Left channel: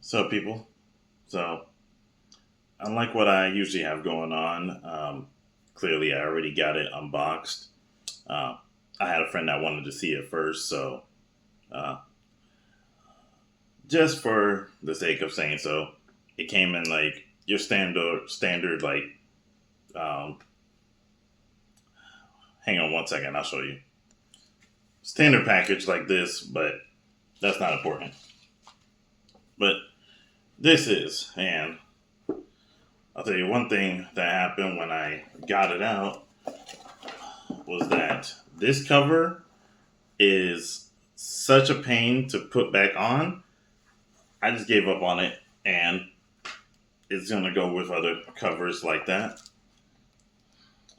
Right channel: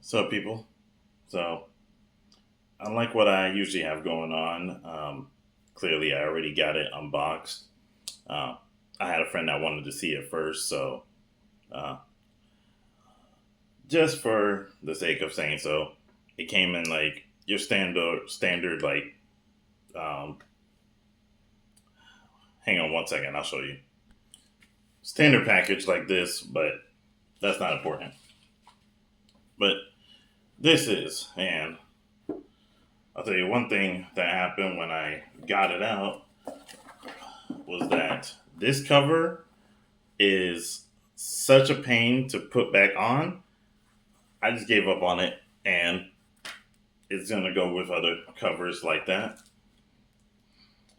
So, people, so unlike what I usually have going on, clearly I already got it unboxed. Uh, I had a friend that wanted to see it first, so uh, just for the sake of saying so, it came in like your standard like. Um, Hang on one second, I'll show you. Standard package like this, but that's not important. But this is, and I'll tell you one thing that happened when I got it out was that this cover is such a pain to put back on. I just gave up on it, and it's gonna go with other covers like that.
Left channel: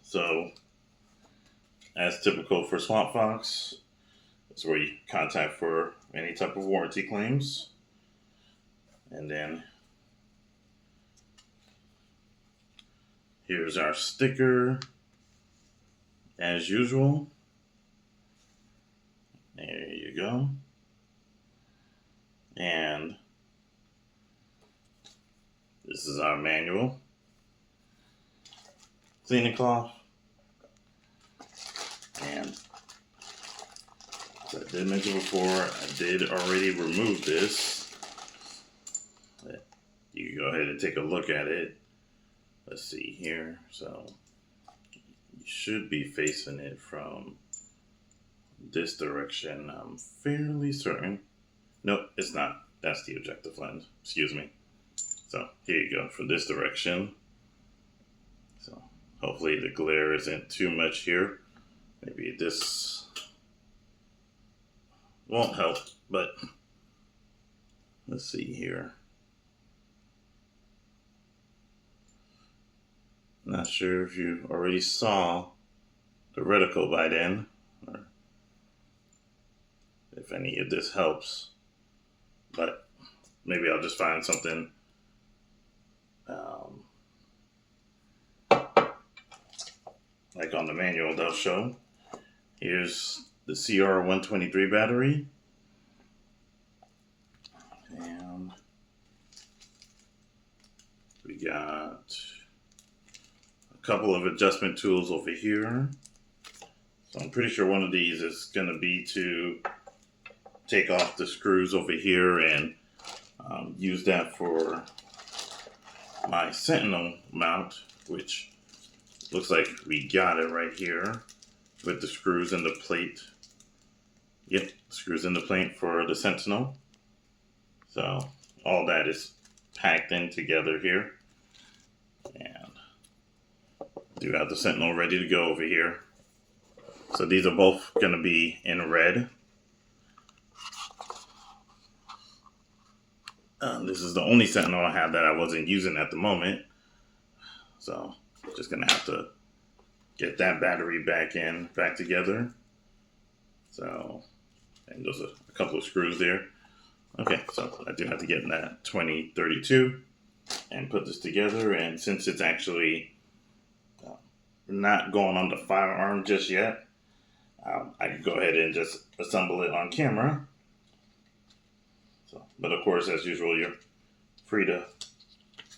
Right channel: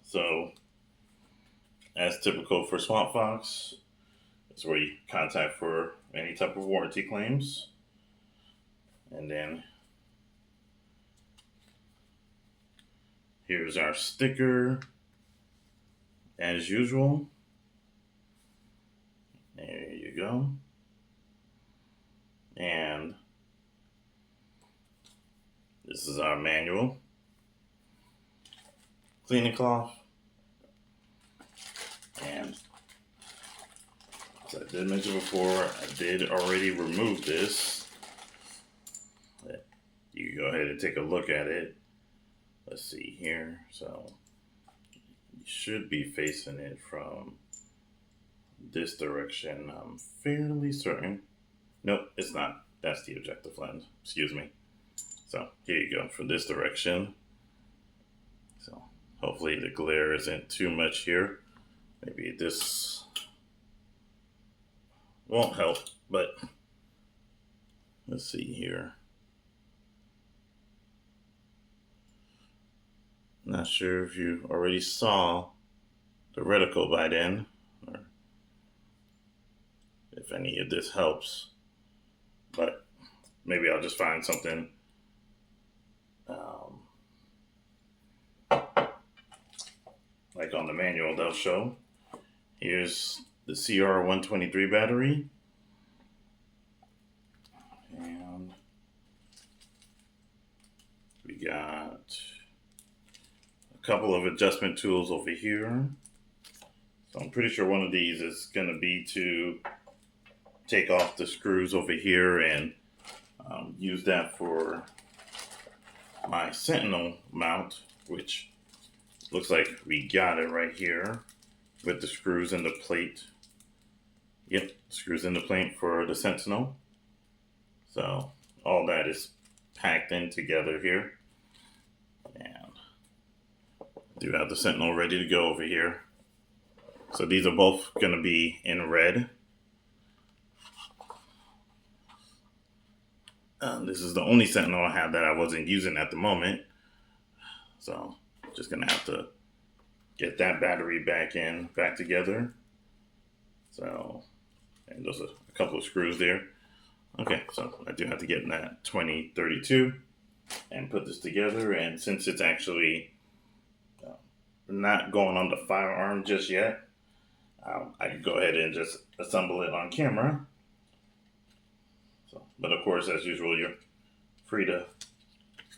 So, as typical for Swamp Fox, it's where you contact for any type of warranty claims, and then here's our sticker, as usual. There you go, and this is our manual. Cleaning cloth. And as I did mention before, I did already remove this. You can go ahead and take a look at it. Let's see here. So you should be facing it from this direction. I'm fairly certain. Nope, it's not. That's the objective lens. Excuse me. So here you go, from this direction. So hopefully the glare isn't too much here. Maybe this won't help, but let's see here. Not sure if you already saw the reticle by then, or if any of this helps, but maybe I'll just find something like on the manual they'll show. Here's the CR123 battery. And we got a couple of adjustment tools over here. So I'm pretty sure one of these is going to be to take off the screws over here and use that for my Sentinel mount, which looks like we got it right here with the screws and the plate. Yep, screws in the plate for the Sentinel. So all that is packed in together here. And I do have the Sentinel ready to go over here. So these are both going to be in red. This is the only Sentinel I have that I wasn't using at the moment. So just going to have to get that battery back together. So, and those are a couple of screws there. Okay, so I do have to get in that 2032 and put this together. And since it's actually not going on the firearm just yet, I can go ahead and just assemble it on camera. So, but of course, as usual, you're free to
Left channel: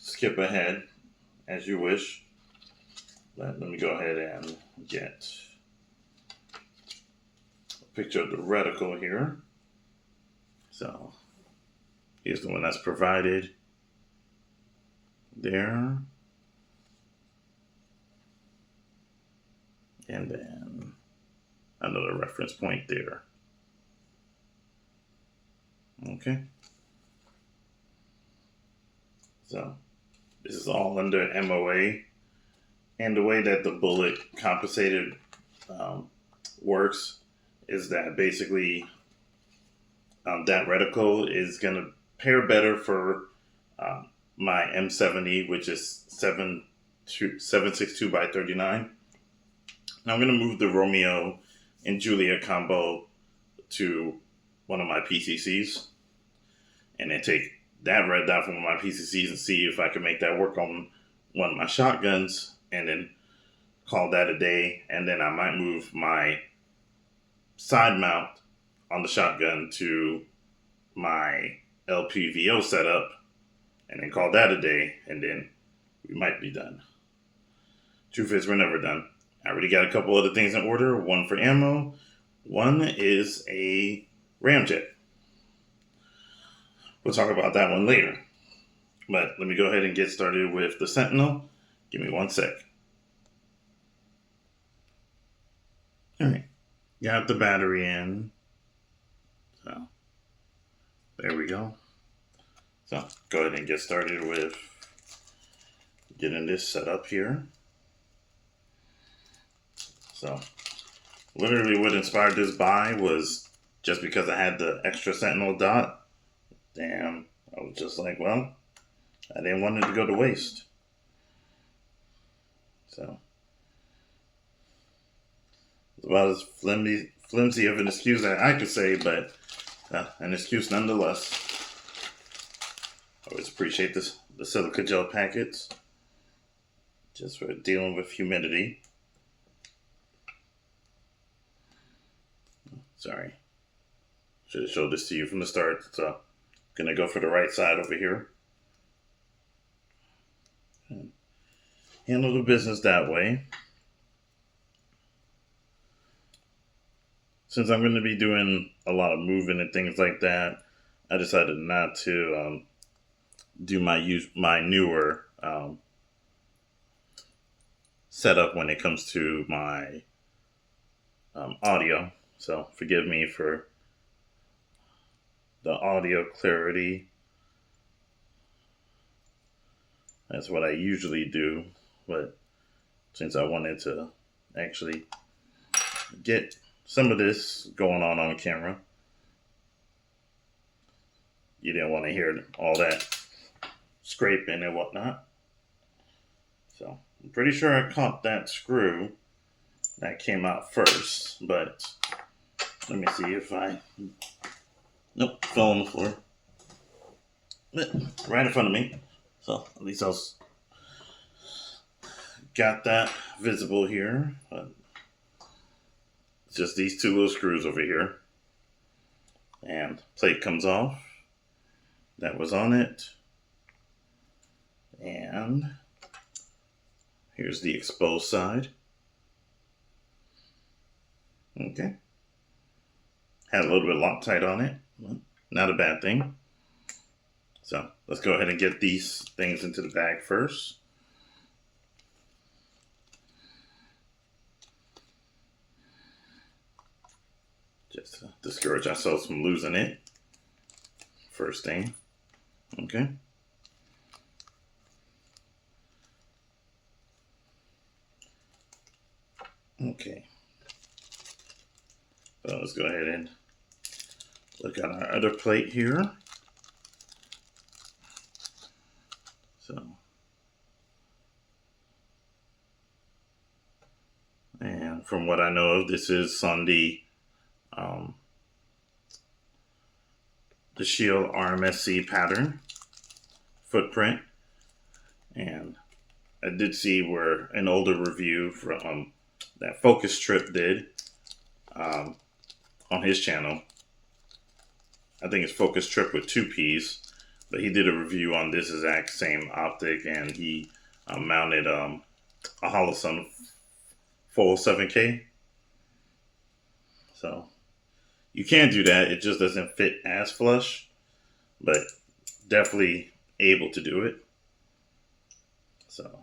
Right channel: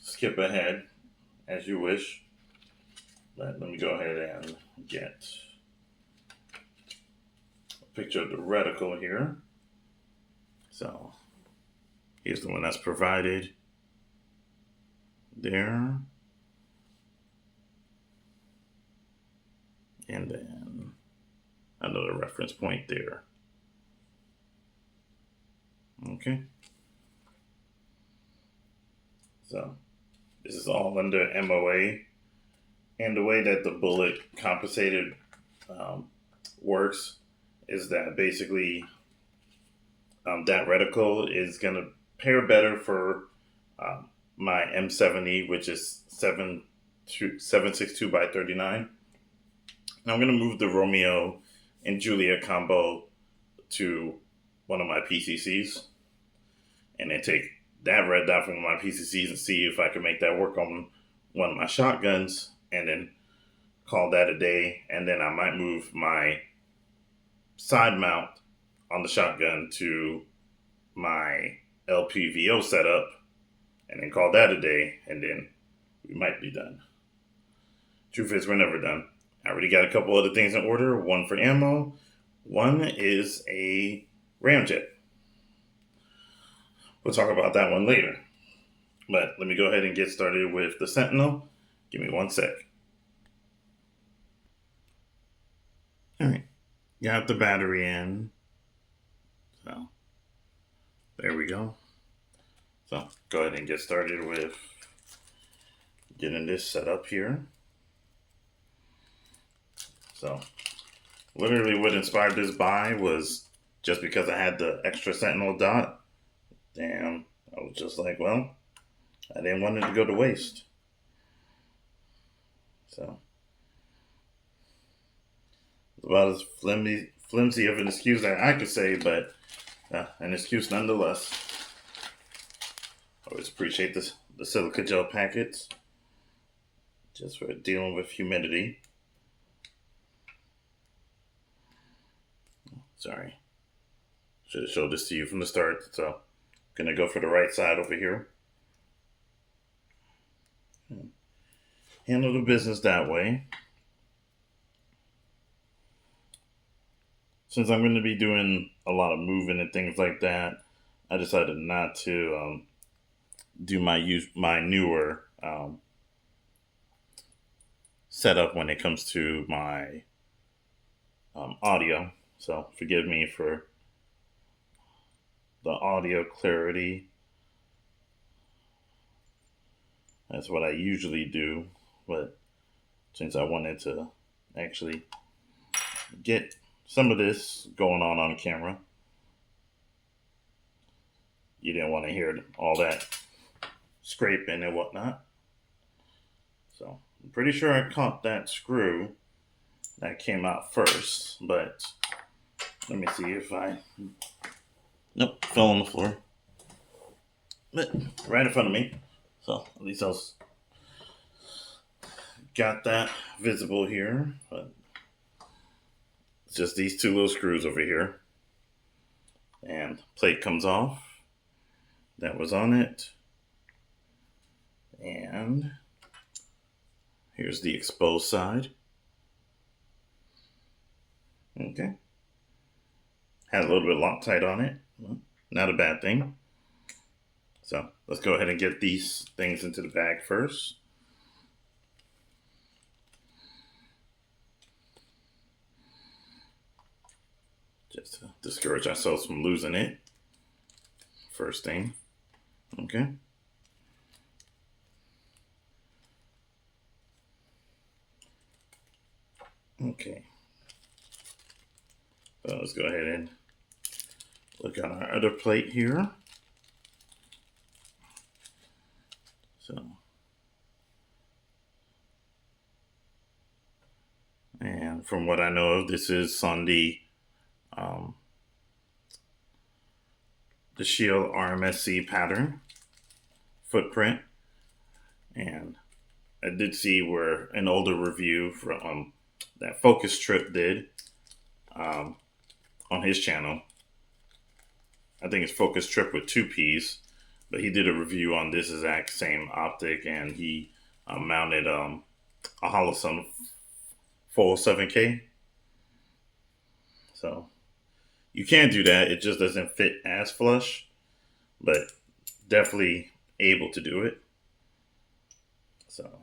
skip ahead as you wish. But let me go ahead and get a picture of the reticle here. So here's the one that's provided there. And then another reference point there. Okay. So this is all under MOA. And the way that the bullet compensated works is that basically that reticle is going to pair better for my M70, which is 762 by 39. Now I'm going to move the Romeo and Juliet combo to one of my PCCs and then take that red dot from one of my PCCs and see if I can make that work on one of my shotguns, and then call that a day. And then I might move my side mount on the shotgun to my LPVO setup and then call that a day, and then we might be done. Truth is, we're never done. I already got a couple other things in order. One for ammo. One is a ramjet. We'll talk about that one later. But let me go ahead and get started with the Sentinel. Give me 1 sec. Alright. Got the battery in. So, there we go. So, go ahead and get started with getting this set up here. So, literally what inspired this buy was just because I had the extra Sentinel dot. Damn, I was just like, well, I didn't want it to go to waste. So, it's about as flimsy of an excuse that I could say, but an excuse nonetheless. I always appreciate the silica gel packets, just for dealing with humidity. Sorry, should have showed this to you from the start. So, gonna go for the right side over here. Handle the business that way. Since I'm going to be doing a lot of moving and things like that, I decided not to do my newer setup when it comes to my audio. So forgive me for the audio clarity. That's what I usually do, but since I wanted to actually get some of this going on camera, you didn't want to hear all that scraping and whatnot. So I'm pretty sure I caught that screw that came out first, but let me see if nope, fell on the floor. Right in front of me. So at least I was got that visible here, but it's just these two little screws over here. And plate comes off. That was on it. And here's the exposed side. Okay. Had a little bit of Loctite on it. Not a bad thing. So let's go ahead and get these things into the bag first. Just to discourage ourselves from losing it. First thing. Okay. Okay. So let's go ahead and look at our other plate here. So, and from what I know of, this is on the Shield RMSC pattern footprint, and I did see where an older review from that Focus Trip did on his channel. I think it's Focus Trip with 2 P's, but he did a review on this exact same optic, and he mounted a Holosun full 7K. So you can do that. It just doesn't fit as flush, but definitely able to do it. So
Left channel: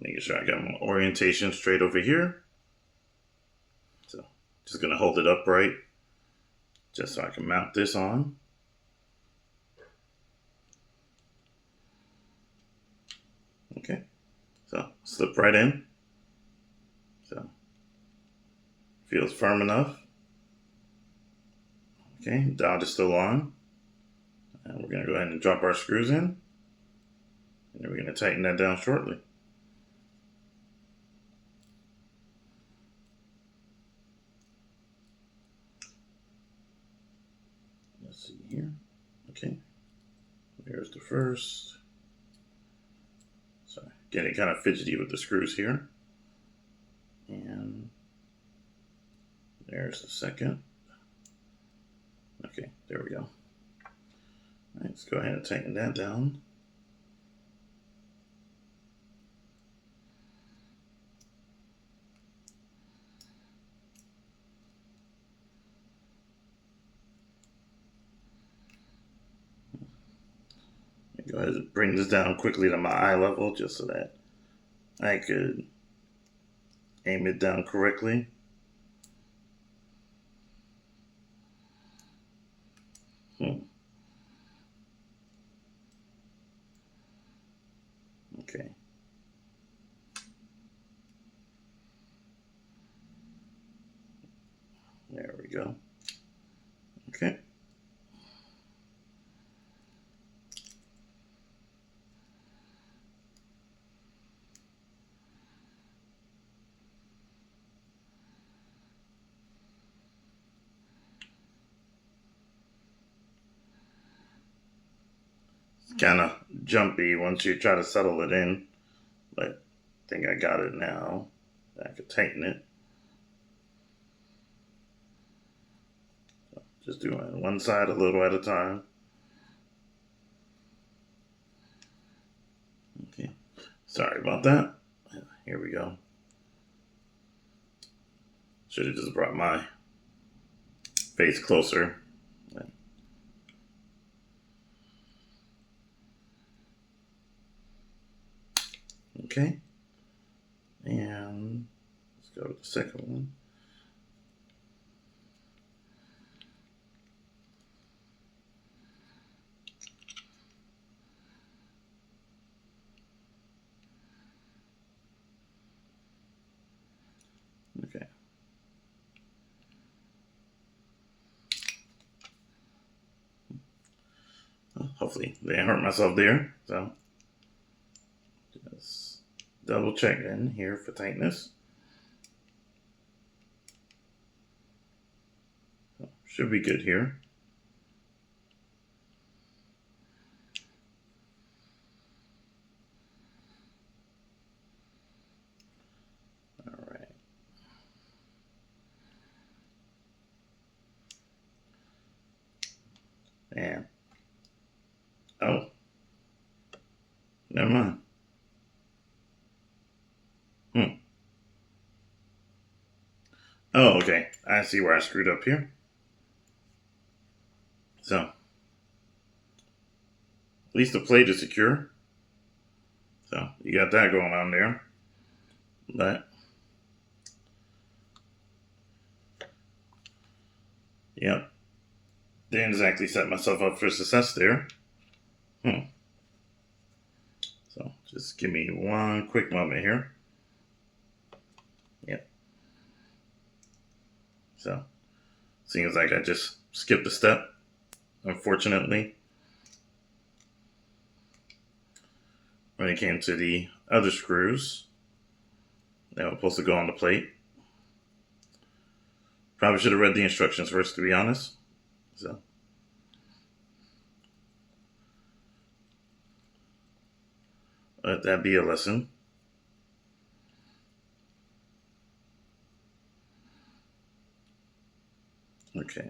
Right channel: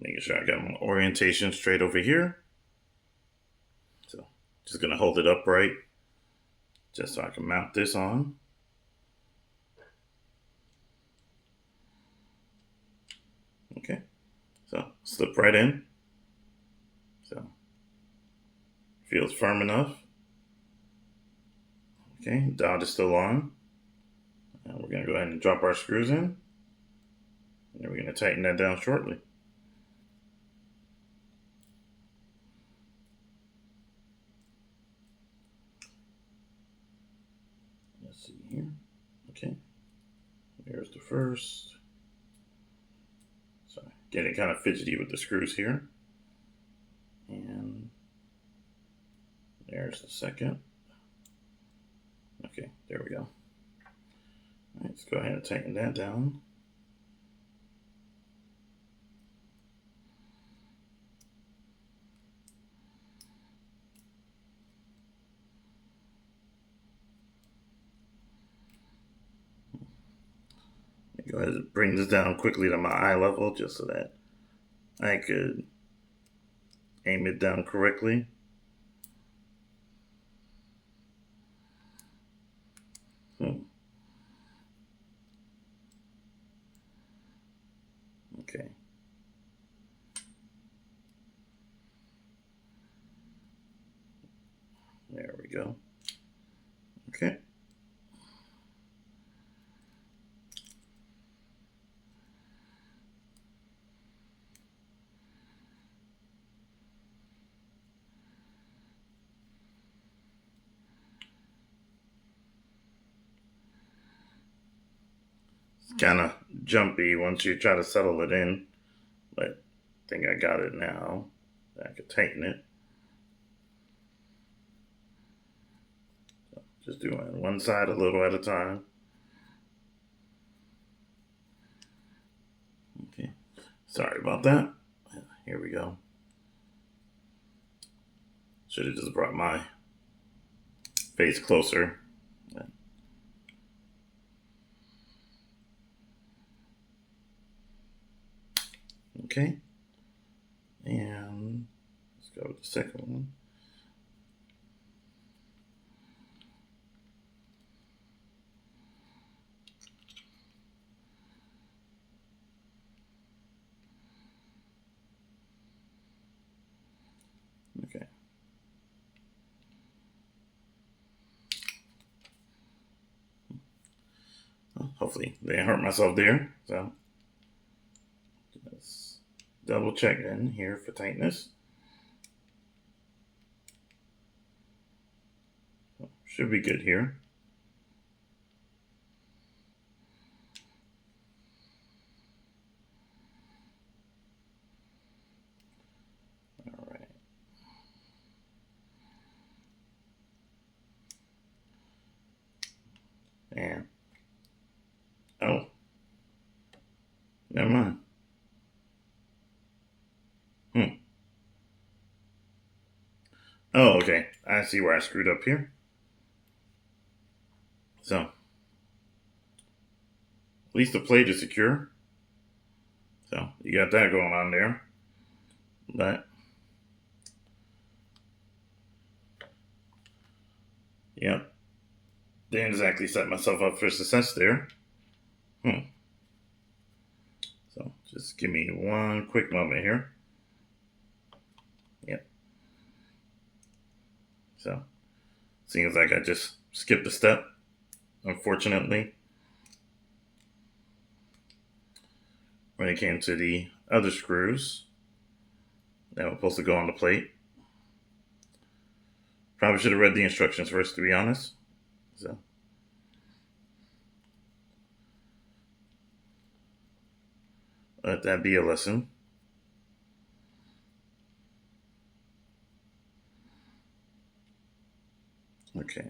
making sure I got my orientation straight over here. So just gonna hold it upright just so I can mount this on. Okay, so slip right in. So feels firm enough. Okay, dot is still on. And we're gonna go ahead and drop our screws in. And then we're gonna tighten that down shortly. Let's see here. Okay, there's the first. So getting kind of fidgety with the screws here. And there's the second. Okay, There we go. All right, let's go ahead and tighten that down. Go ahead and bring this down quickly to my eye level just so that I could aim it down correctly. Okay. There we go. Okay. Kind of jumpy once you try to settle it in, but I think I got it now. I could tighten it. So just doing one side a little at a time. Okay, sorry about that. Here we go. Should have just brought my face closer. Okay, and let's go to the second one. Okay. Well, hopefully they didn't hurt myself there. So just double check in here for tightness. Should be good here. All right. And oh, never mind. Oh, okay. I see where I screwed up here. So, at least the plate is secure. So, you got that going on there. But, yep. Didn't exactly set myself up for success there. So, just give me one quick moment here. Yep. So, seems like I just skipped a step, unfortunately. When it came to the other screws that were supposed to go on the plate. Probably should have read the instructions first, to be honest. So, let that be a lesson. Okay.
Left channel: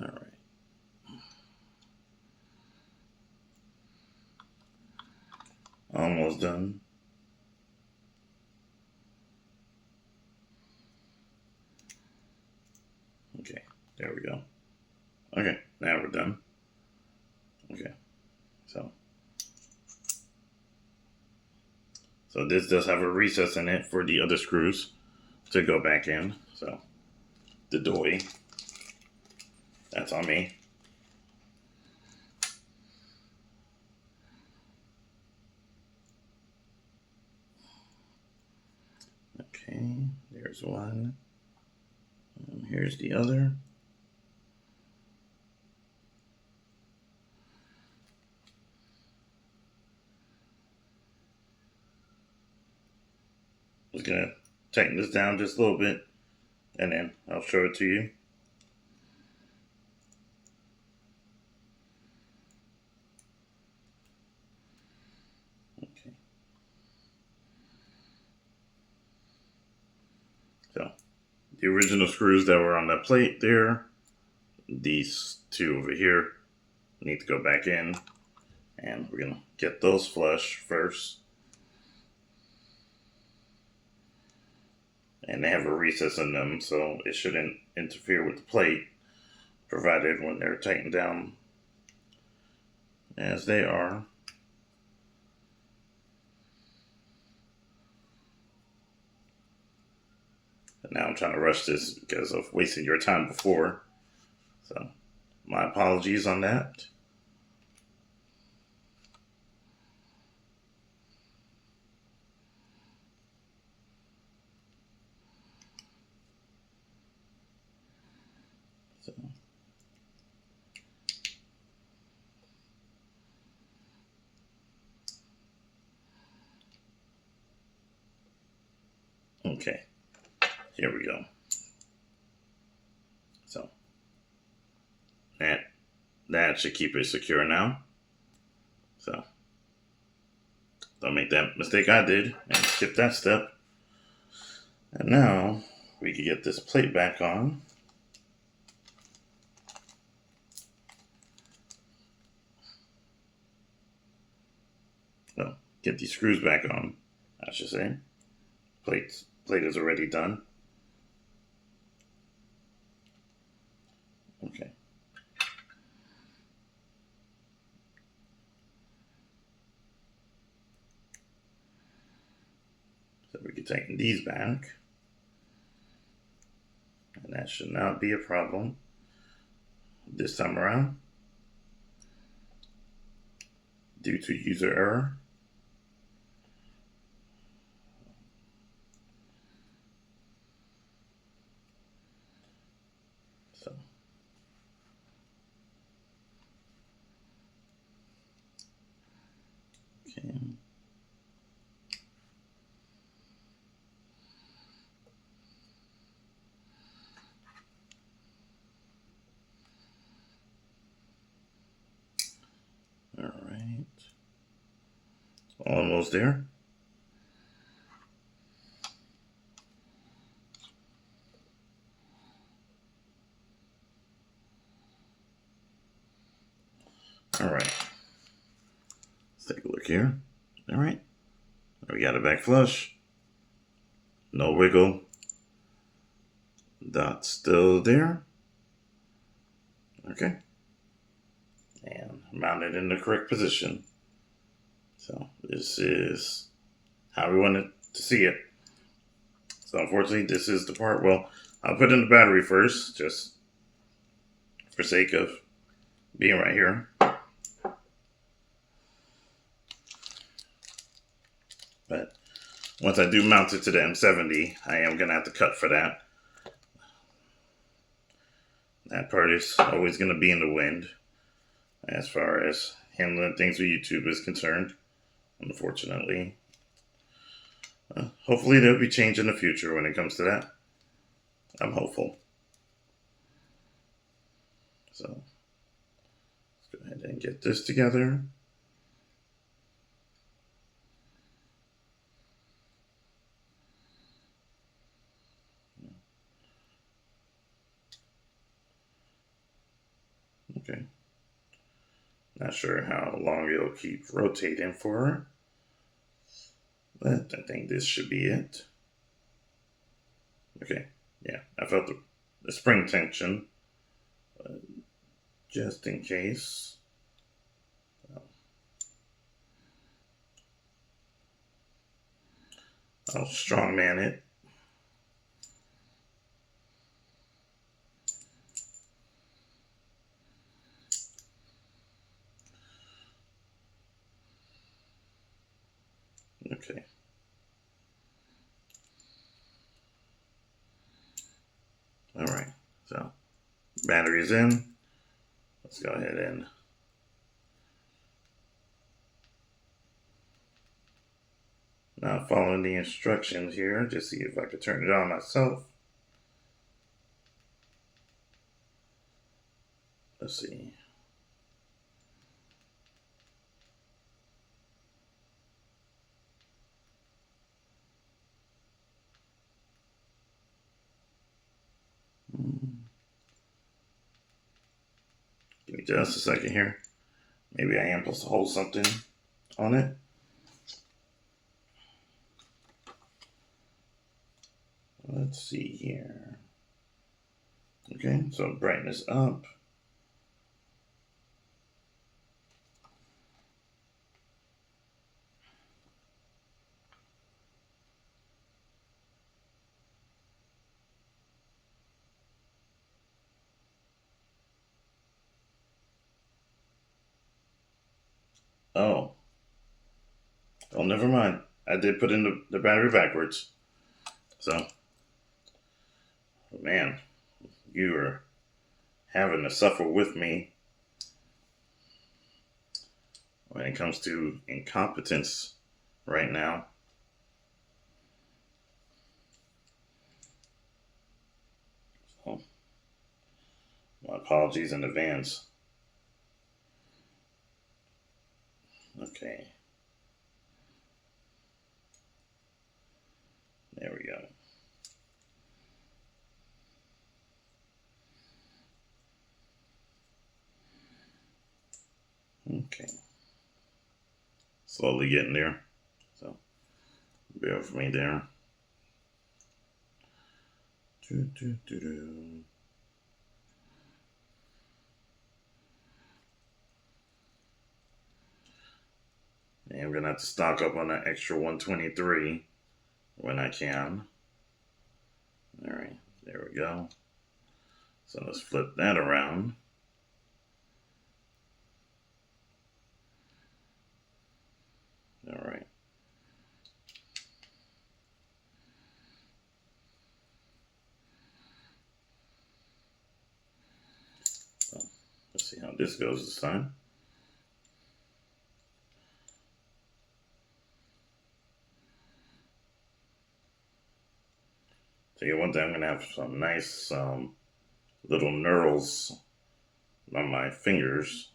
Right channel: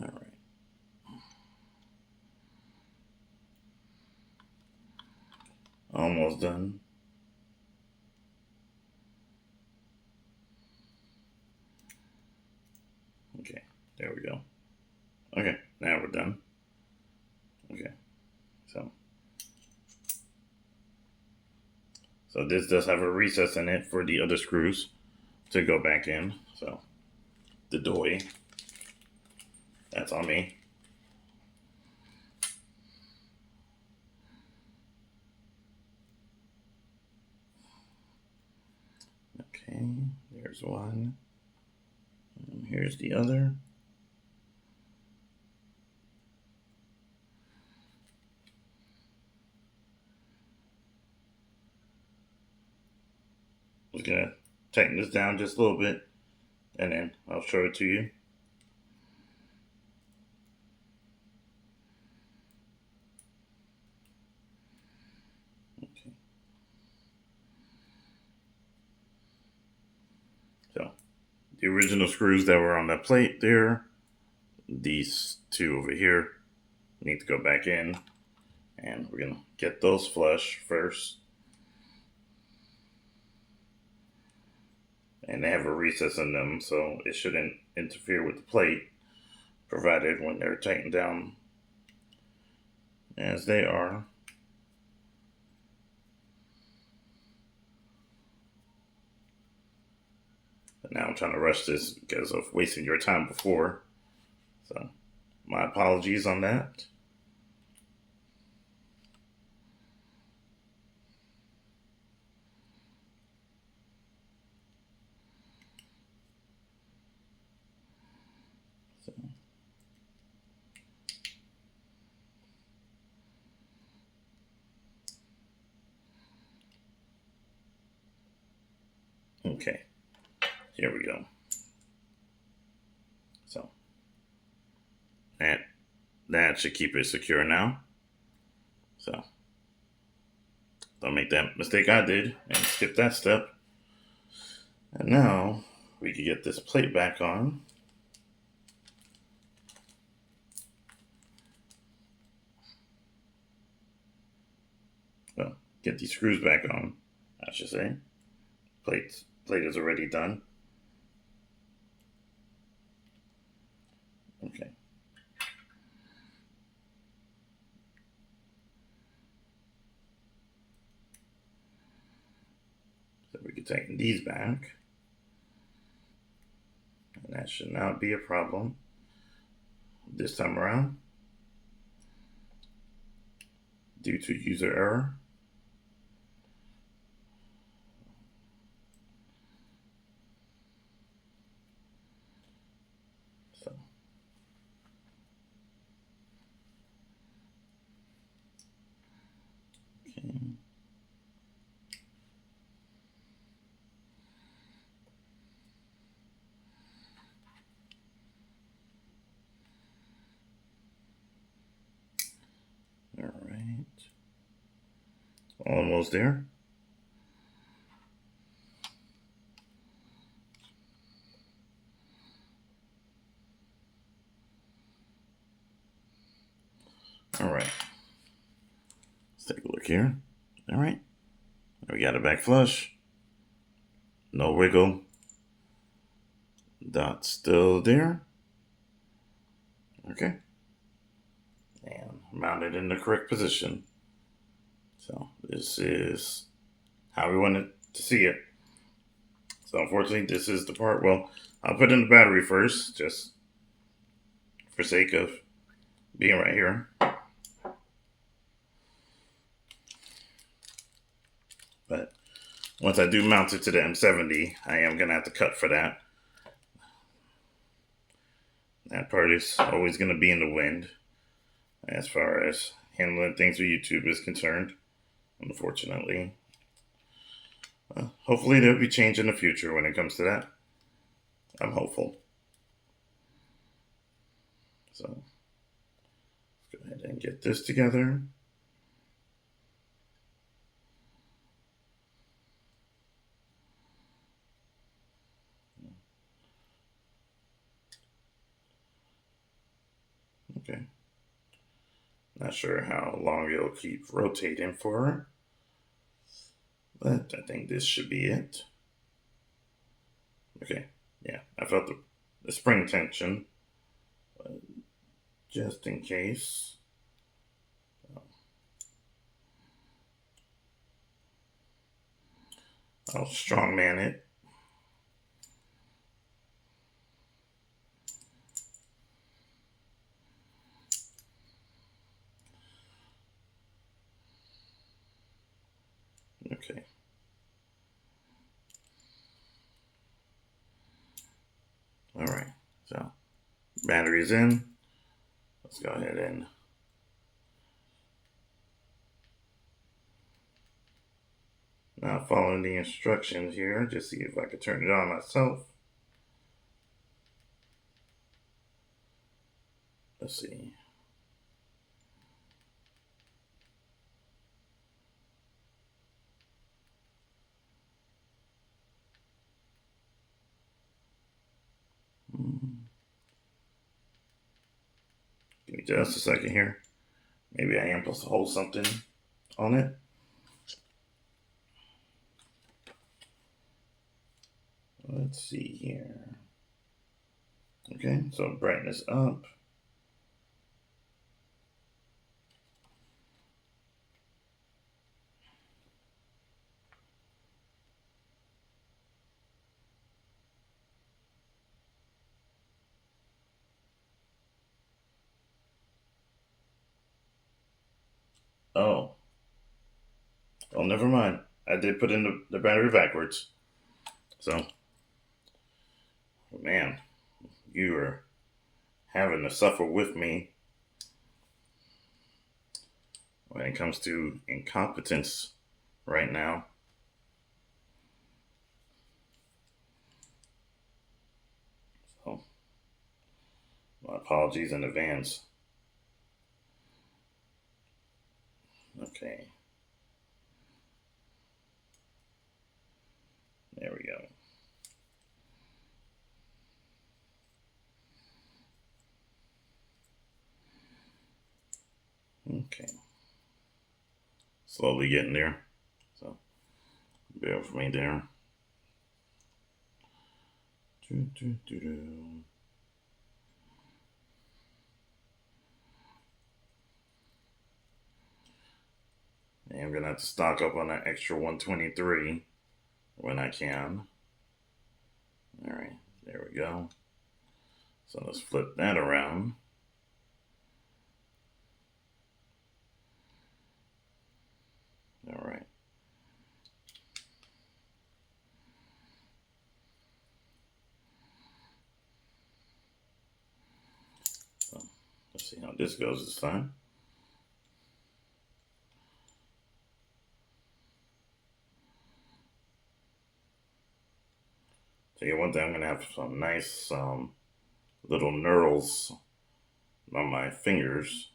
All right. Almost done. Okay, there we go. Okay, now we're done. Okay, so this does have a recess in it for the other screws to go back in. So the doy, that's on me. Okay, there's one. And here's the other. just gonna tighten this down just a little bit, and then I'll show it to you. Okay. So the original screws that were on that plate there, these two over here, need to go back in, and we're gonna get those flush first. And they have a recess in them, so it shouldn't interfere with the plate, provided when they're tightened down as they are. But now I'm trying to rush this because of wasting your time before, so my apologies on that. So. Okay, here we go. So that should keep it secure now. So don't make that mistake I did and skip that step. And now we can get this plate back on. Well, get these screws back on, I should say. Plate is already done. Okay. So we can tighten these back. And that should not be a problem this time around due to user error. So okay. All right. Almost there. All right. Let's take a look here. All right. We got it back flush. No wiggle. Dot still there. Okay. And mount it in the correct position. So this is how we wanted to see it. So unfortunately, this is the part. Well, I'll put in the battery first, just for sake of being right here. But once I do mount it to the M70, I am going to have to cut for that. That part is always going to be in the wind as far as handling things with YouTube is concerned, unfortunately. Hopefully there'll be change in the future when it comes to that. I'm hopeful. So let's go ahead and get this together. Okay. Not sure how long it'll keep rotating for, but I think this should be it. Okay, yeah, I felt the spring tension, just in case. I'll strongman it. Okay. All right, so battery's in. Let's go ahead and Now following the instructions here, just see if I can turn it on myself. Let's see. Give me just a second here. Maybe I am supposed to hold something on it. Let's see here. Okay, so brightness up. Oh, well, never mind. I did put in the battery backwards. So, man, you are having to suffer with me when it comes to incompetence right now. So, my apologies in advance. Okay. There we go. Okay. Slowly getting there. So, bear with me there. And I'm going to have to stock up on that extra 123 when I can. All right, there we go. So let's flip that around. All right. So let's see how this goes this time. Tell you one thing, I'm going to have some nice little knurls on my fingers,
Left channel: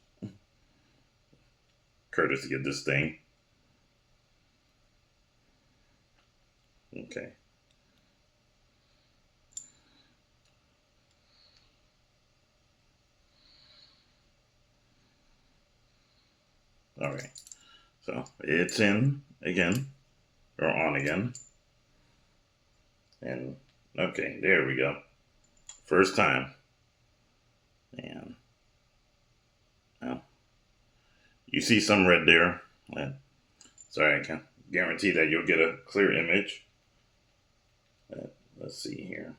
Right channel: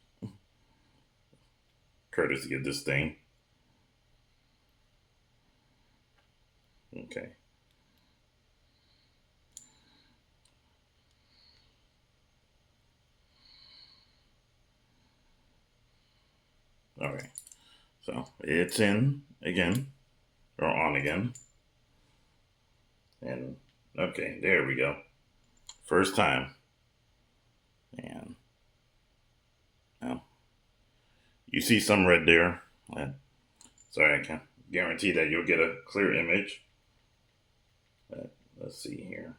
courtesy of this thing. Okay. All right. So it's in again, or on again. And okay, there we go. First time. And now you see some red there. Sorry, I can't guarantee that you'll get a clear image. But let's see here.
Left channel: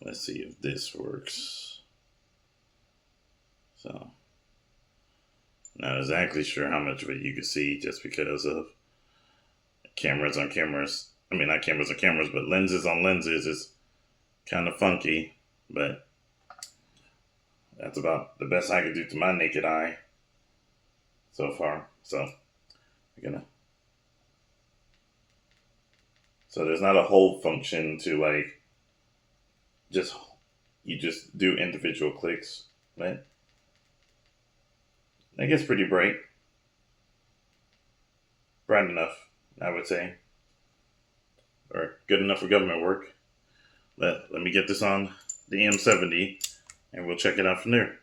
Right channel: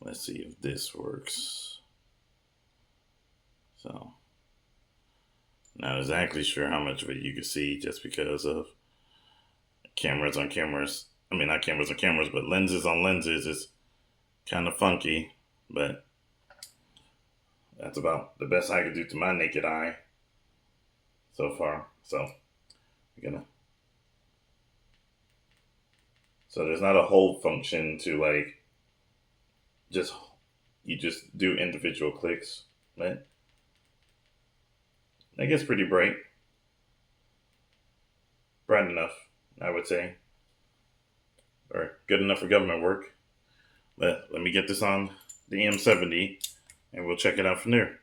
Let's see if this works. So, not exactly sure how much of it you can see just because of cameras on cameras. I mean, not cameras on cameras, but lenses on lenses is kind of funky. But that's about the best I could do to my naked eye so far. So, we're gonna. So there's not a hold function to like you just do individual clicks, right? That gets pretty bright. Bright enough, I would say. Or good enough for government work. But let me get this on the M70 and we'll check it out from there.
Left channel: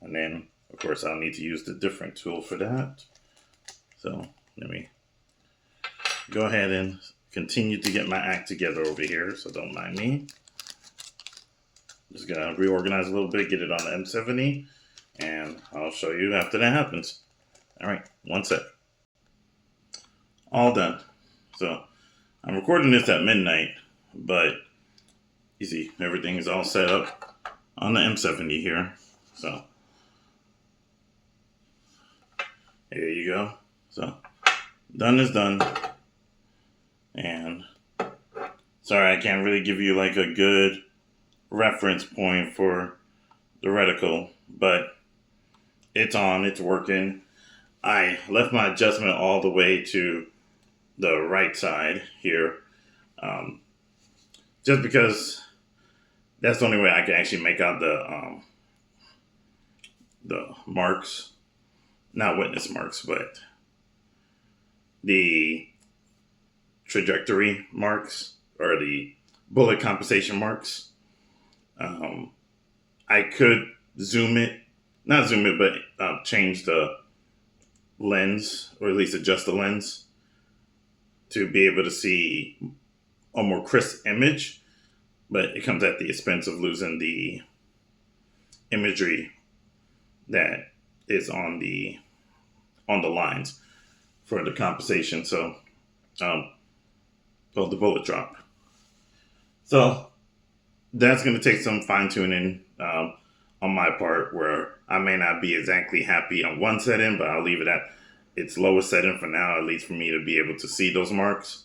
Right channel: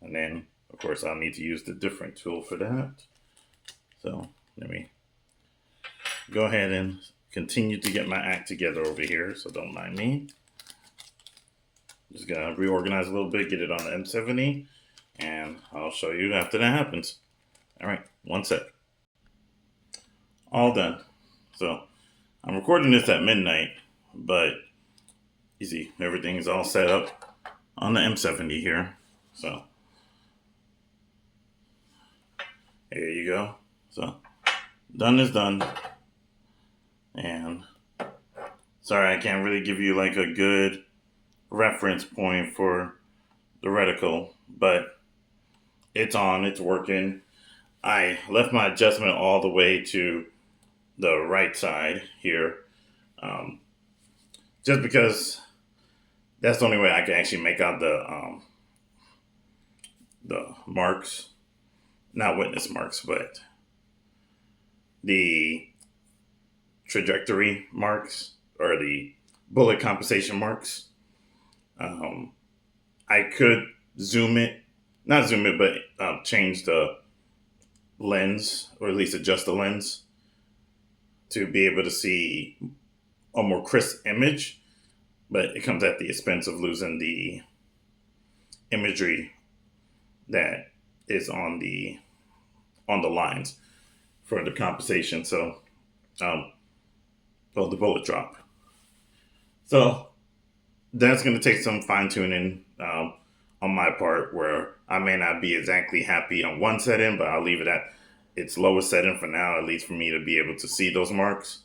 And then, of course, I'll need to use the different tool for that. So let me go ahead and continue to get my act together over here, so don't mind me. Just gonna reorganize a little bit, get it on the M70, and I'll show you after that happens. All right, one sec. All done. So I'm recording this at midnight, but you see everything's all set up on the M70 here. So here you go. So done is done. And sorry, I can't really give you like a good reference point for the reticle, but it's on, it's working. I left my adjustment all the way to the right side here, um, just because that's the only way I can actually make out the marks, not witness marks, but the trajectory marks or the bullet compensation marks. Um, I could zoom it, not zoom it, but change the lens or at least adjust the lens to be able to see a more crisp image, but it comes at the expense of losing the imagery that is on the lines for the compensation. So, um, well, the bullet drop. So that's going to take some fine tuning on my part, where I may not be exactly happy on one setting, but I'll leave it at its lowest setting for now, at least for me to be able to see those marks.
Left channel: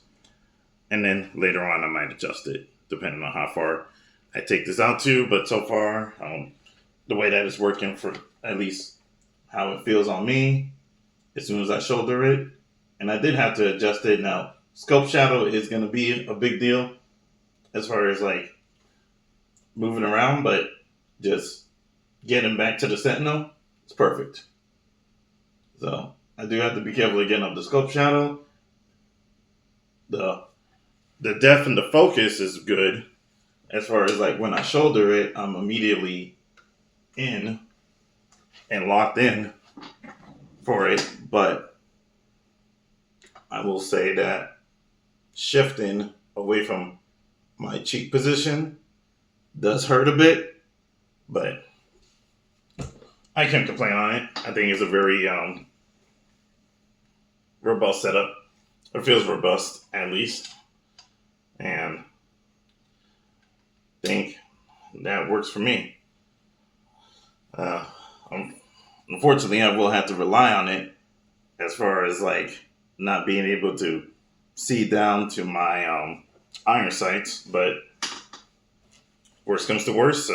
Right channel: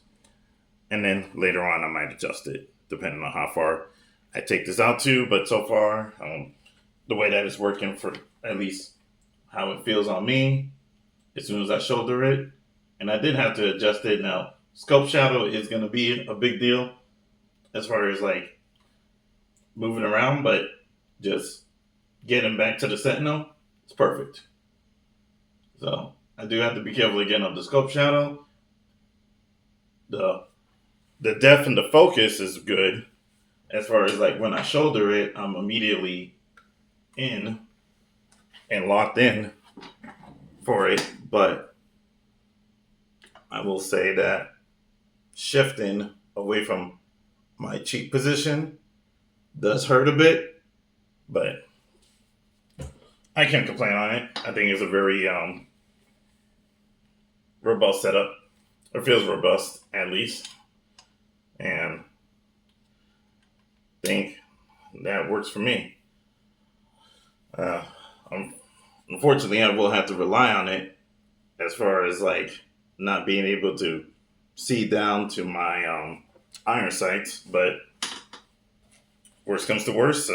And then later on, I might adjust it depending on how far I take this out to. But so far, the way that it's working, for at least how it feels on me, as soon as I shoulder it, and I did have to adjust it. Now, scope shadow is going to be a big deal as far as like moving around, but just getting back to the sentinel, it's perfect. So I do have to be careful again of the scope shadow. The the depth and the focus is good. As far as like when I shoulder it, I'm immediately in and locked in for it. But I will say that shifting away from my cheek position does hurt a bit, but I can't complain on it. I think it's a very robust setup. It feels robust, at least, and I think that works for me. Uh, Unfortunately, I will have to rely on it as far as like not being able to see down to my iron sights. But worst comes to worst,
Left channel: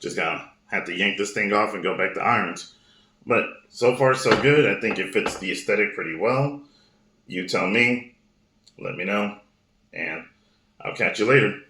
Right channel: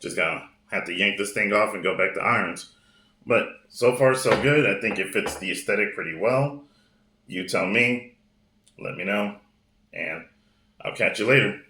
just gonna have to yank this thing off and go back to irons. But so far, so good. I think it fits the aesthetic pretty well. You tell me, let me know, and I'll catch you later.